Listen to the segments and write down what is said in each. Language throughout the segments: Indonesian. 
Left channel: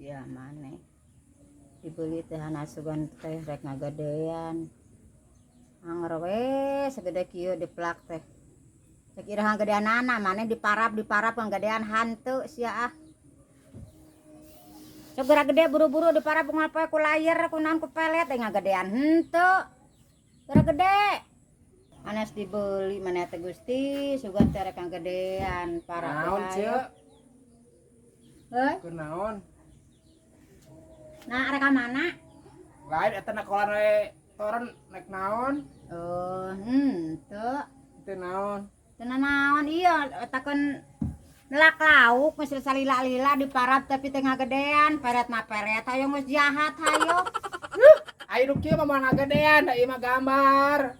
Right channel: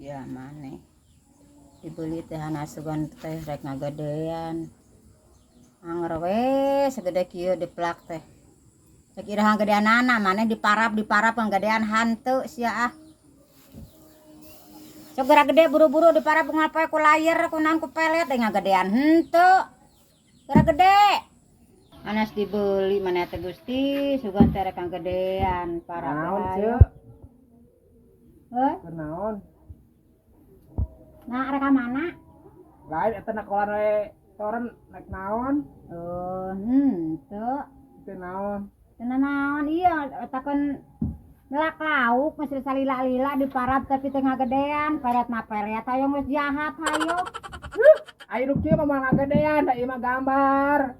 sia maneh dibeli teh hanasugan teh rek ngagedean anger we segede kieu diplak teh sakira ngagedeanana maneh diparap ngagedean hantu sia ah segera gede buru-buru diparap ngapoe ku layar ku naon ku pelet teh ngagedean henteu segera gede anas dibeli maneh teh Gusti sugan teh rek ngagedean parap naon ayo keur naon nah rek ka mana lain eta nakolan we toren nek naon oh henteu teu naon naon iya etakeun nelak lauk geus salila-lila diparap tapi teh ngagedean peret mah peret hayo geus jahat hayo ayo nu kieu mah moal ngagedean da ieu mah gambar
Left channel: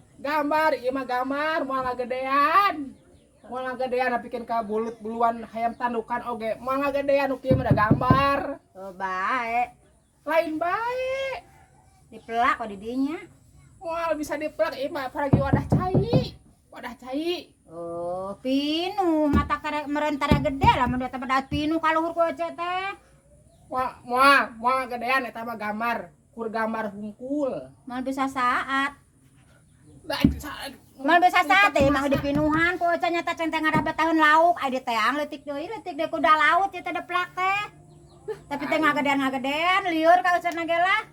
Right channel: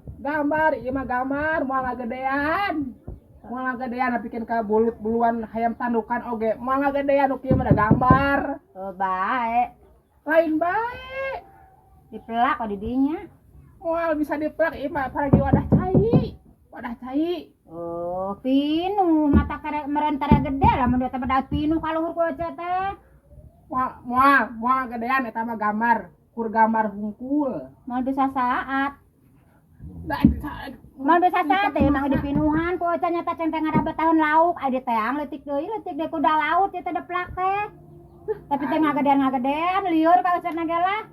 ieu mah gambar moal ngagedean pikeun ka bulut buluan hayam tandukan oge moal ngagedean nu kieu mah da gambar oh bae lain bae dipelak kok di dinya moal bisa dipelak ieu mah paragi wadah cai oh pinu mata karek meureun tara gede lamun eta mah pinu kaluhur ku ece teh moal ngagedean eta mah gambar kur gambar hungkul moal bisa saat da teh mah di pinuhan ku ece nyata centeng ngarabet tahun lauk aya di teang leutik deui ku da laut ieu teh deplak teh tapi teh ngagedean lieur ka ucerna ge lah